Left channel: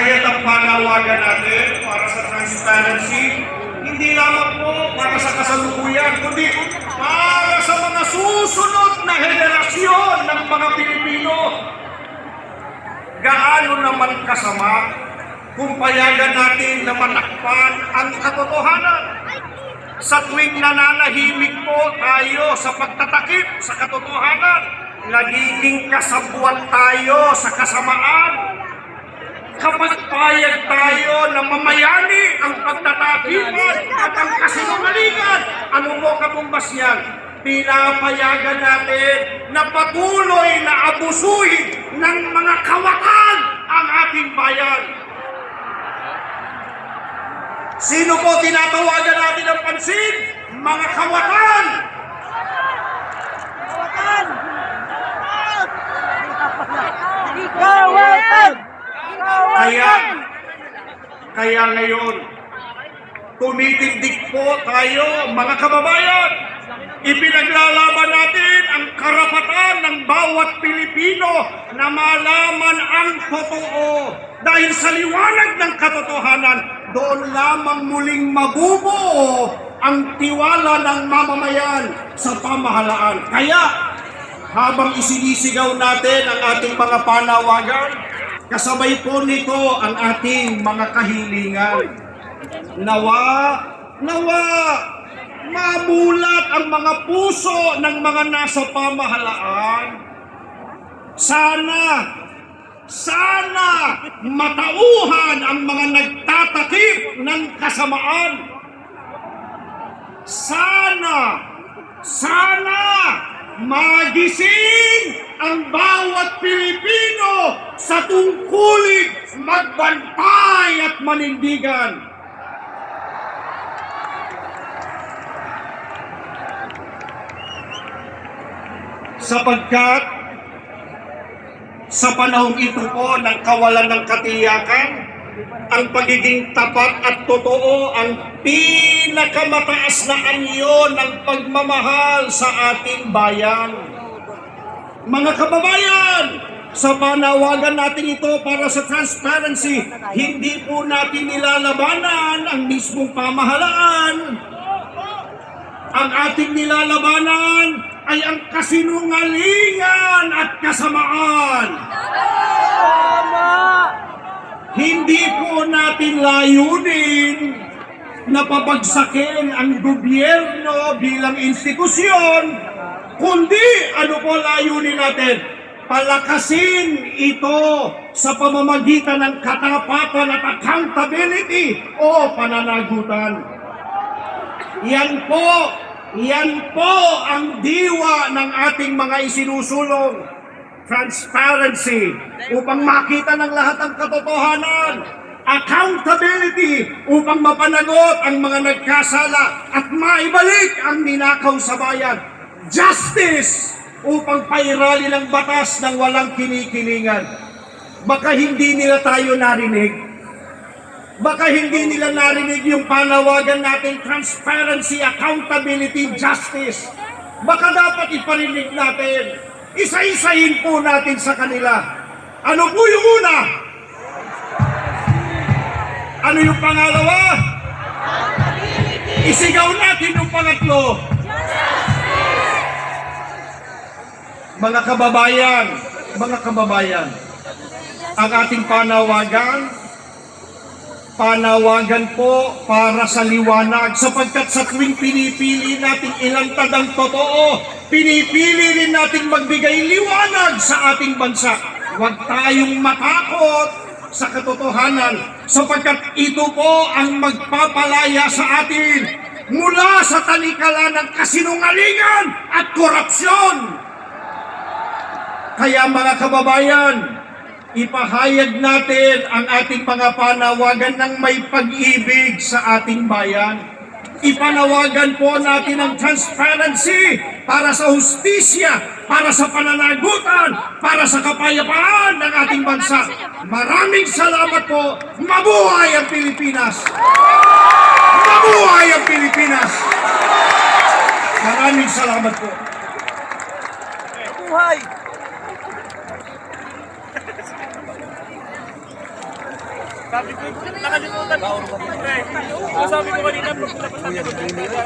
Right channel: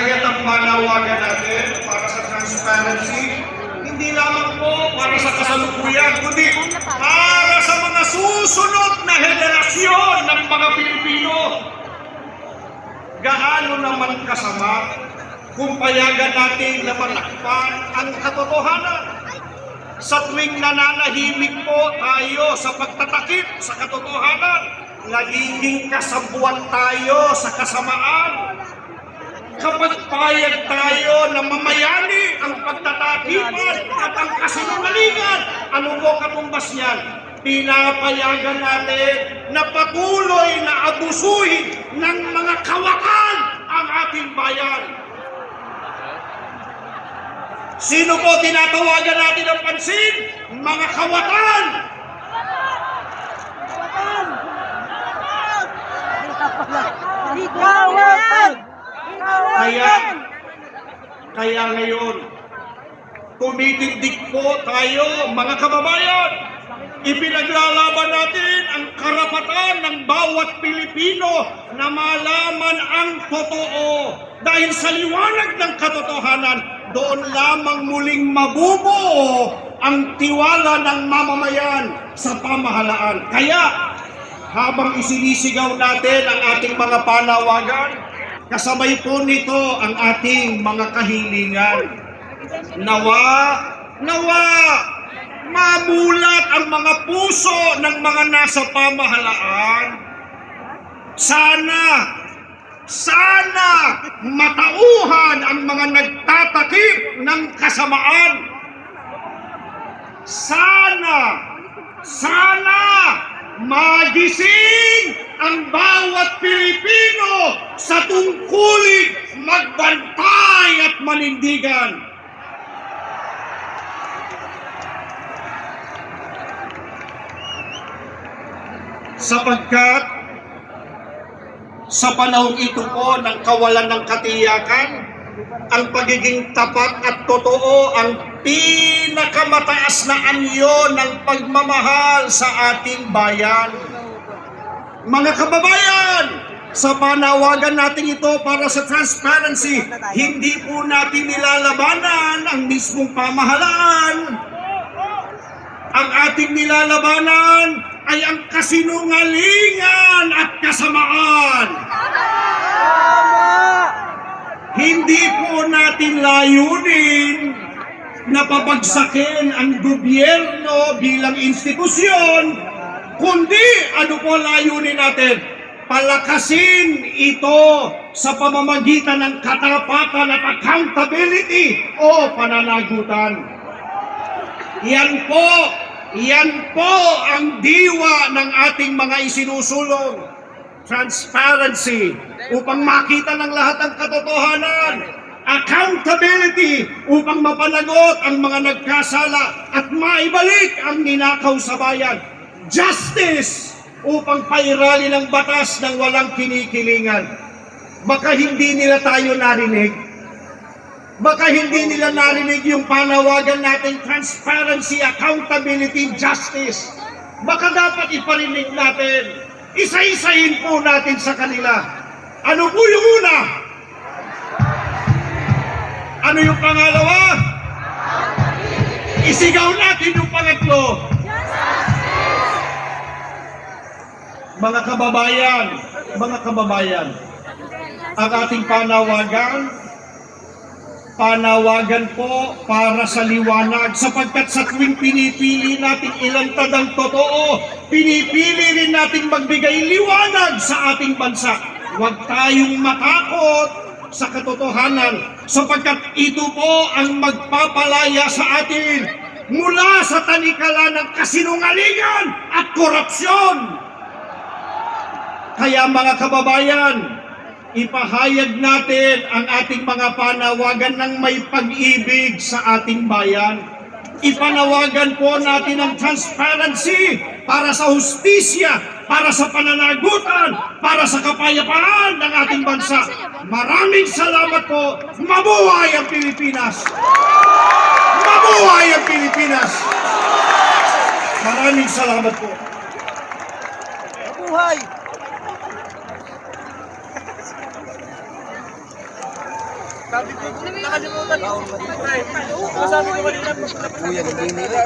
Kaya ang panawagan natin para sa transparency, hindi lamang po para sa kasalukuyan, kundi para sa mga susunod na henerasyon ng mga Pilipino. Gaano naman kasama kung payagan natin na matakpan ang katotohanan? Sa tuwing nananahimik po tayo sa pagtatakip sa katotohanan, nagiging kasabuan tayo sa kasamaan. Kapag payag tayo na mamayani ang pagtatakipan at ang kasinungalingan, ano po katumbas yan? Pinapayagan natin na patuloy na abusuhin ng mga kawakan ang ating bayan. Sino po tinatawagan natin ng pansin? Mga kawakan! Kaya ngayon, tumitindig po tayo, mga kababayan. Ipinaglalaban natin ang karapatan ng bawat Pilipino na malaman ang totoo. Dahil sa liwanag ng katotohanan, doon lamang muling mabubuo ang tiwala ng mamamayan sa pamahalaan. Kaya, habang isinisigaw natin ang ating mga panawagan, kasabay po nito ang ating mga kahilingan. Nawa, mamulat ang mga puso ng mga nasa pamahalaan. Sana matauhan ang mga nagtatakip ng kasamaan. Sana magising ang bawat Pilipino sa tungkulin magbantay at manindigan. Sapagkat sa panahong ito po ng kawalan ng katiyakan, ang pagiging tapat at totoo ang pinakamataas na anyo ng pagmamahal sa ating bayan. Mga kababayan, sa panawagan natin ito para sa transparency, hindi po natin nilalabanan ang mismong pamahalaan. Ang ating nilalabanan ay ang kasinungalingan at kasamaan. Hindi po natin layunin na pabagsakin ang gobyerno bilang institusyon, kundi ano po layunin natin? Palakasin ito sa pamamagitan ng katapatan at accountability o pananagutan. Yan po ang diwa ng ating mga isinusulong. Transparency upang makita ng lahat ang katotohanan. Accountability upang mapanagot ang mga nagkasala at maibalik ang ninakaw sa bayan. Justice upang pairali ng batas ng walang kinikilingan. Baka hindi nila tayo narinig. Baka hindi nila narinig yung panawagan natin, transparency, accountability, justice. Baka dapat iparinig natin. Isa-isahin po natin sa kanila. Ano po yung una? Ano yung pangalawa? Isigaw natin yung pangatlo. Mga kababayan, ang ating panawagan po para sa liwanag, sapagkat sa tuwing pinipili nating ilantad ang totoo, pinipili rin nating magbigay liwanag sa ating bansa. Huwag tayong matakot sa katotohanan, sapagkat ito po ang magpapalaya sa atin mula sa tanikala ng kasinungalingan at korupsyon. Kaya mga kababayan, ipahayag natin ang ating mga panawagan ng may pag-ibig sa ating bayan. Ipanawagan po natin ang transparency para sa hustisya, para sa pananagutan, para sa kapayapaan ng ating bansa. Maraming salamat po. Mabuhay ang Pilipinas! Mabuhay ang Pilipinas! Maraming salamat po. Mabuhay! Sabi ko, nakalimutan ko. Pre, sabi ko kanina, pag napasali ko